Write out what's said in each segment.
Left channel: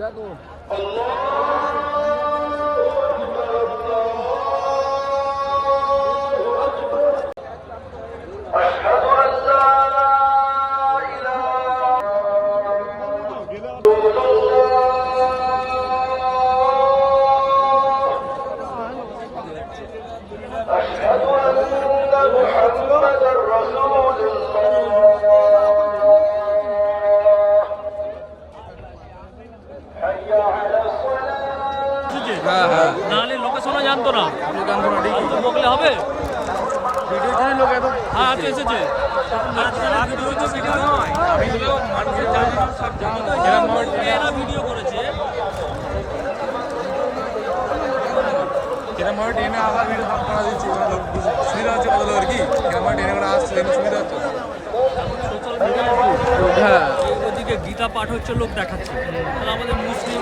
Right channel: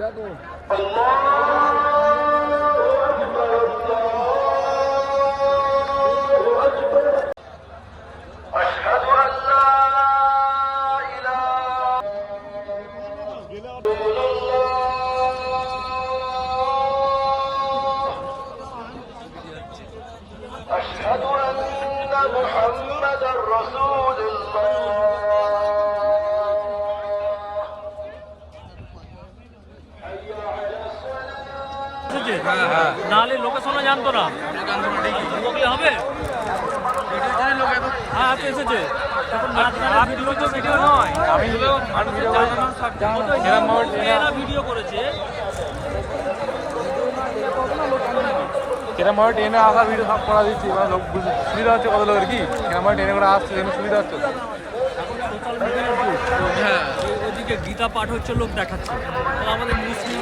দেখো নাহলে লোকেশনও জানতো না বললে হবে। হ্যাঁ আজকে এসেছে আর কিছু তো ভিডিও নয়, আমি মানুষের জানানোর সাবজেক্ট ভিডিও করেছে। কেরাম ভাবে ট্রেনে আসার ভিডিও সব করা দিচ্ছি, লোক সুবিধা হচ্ছে কত লোকের কি কেরাম ভাবে ট্রেনে করে আসছে যেন সুবিধা হচ্ছে। হ্যাঁ ওদিকে গীতা পাঠ হচ্ছে, লোক দেখাচ্ছে, তাহলে আমাদের মুসলিম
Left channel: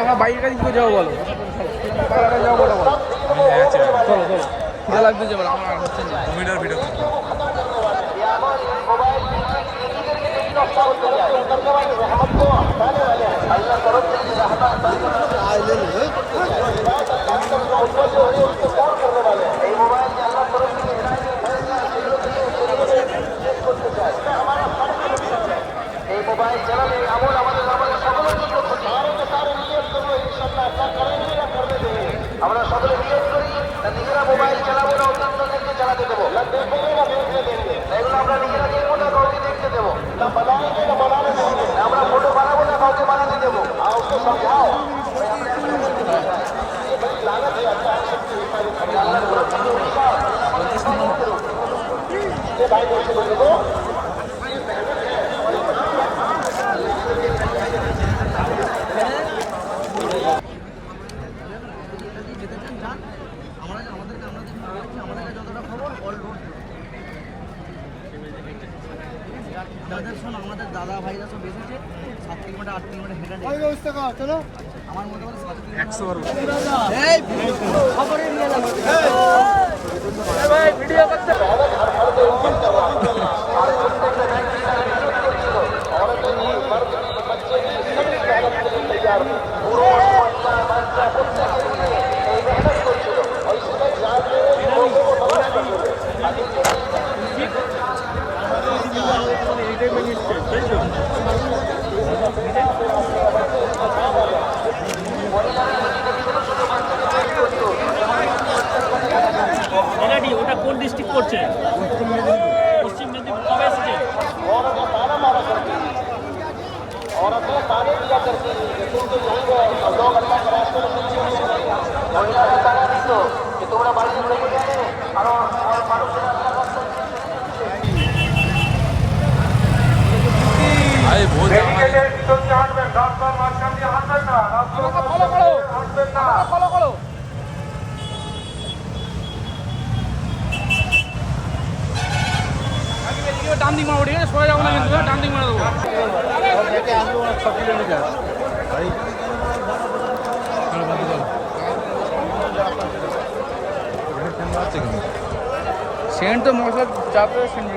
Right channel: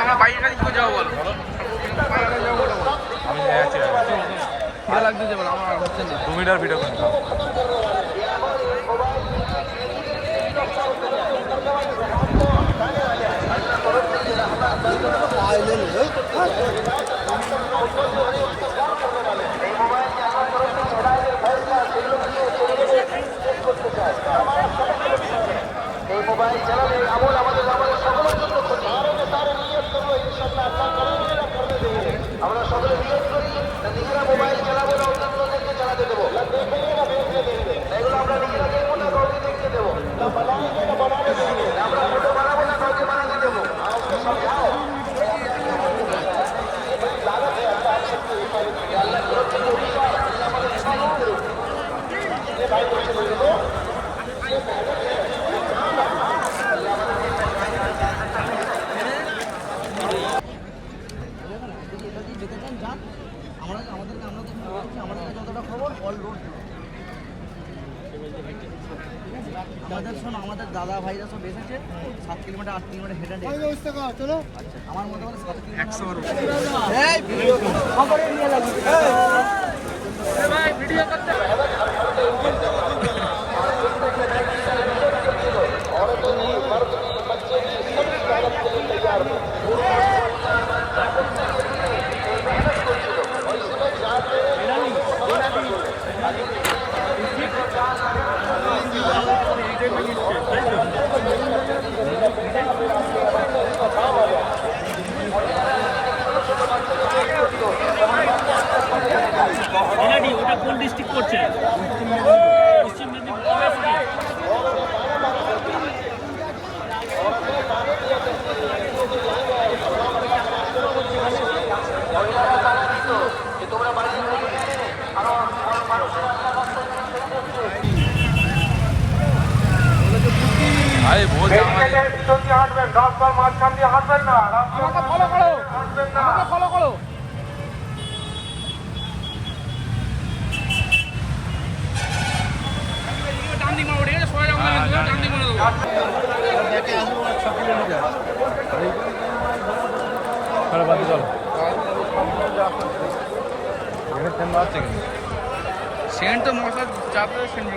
আমরা বাইকটা দিকে যাবো বলো, বাইকটা যাবো বলো বলো। আমি যাচ্ছি, চলো চলো খিদে লাগতেছে বলো, আমার হচ্ছে না 2 মিনিটের ভিডিও করতে। এই মোবাইল চালালে আমল আমাদের সকলের জন্য ক্ষতি। তার নিয়ত করবো ইনশাআল্লাহ আল্লাহ করেন না করবে দেবে। আমরা সকলে নিয়ত করি না নিজেরা মোবাইল চালাবো না অন্যান্যদেরকে চালাতে দেবো, না দেখবে না দেখতে দেবে, এগুলো আমরা নিজেরা দেখবো না কাউকে দেখতে দেবো, না বানাবে না বানাবে দেবো, আমরা ফটো বানাবো না কাউকে বানাতে দেবো। আল্লাহ তরফ থেকে আমাদের দাদা ভাইরা সব এসেছে 7 কিলোমিটার 8 কিলোমিটার হেঁটে চলো আমার মতো বলে 100 ওটা কোন ডিস্ট্রিক্ট করছে? পশ্চিম মেদিনীপুর। কবে এসেছে? আরে ভোর জামাই মাঝখান দিয়ে হাঁটবেন না, রাস্তা ফলো করো। ডান দিক মারো, ঠিক আছে? সরে যাবো না কিন্তু, ডান দিক মারা দেবো। সেন্ট তো মশলা যাবে, সেন্ট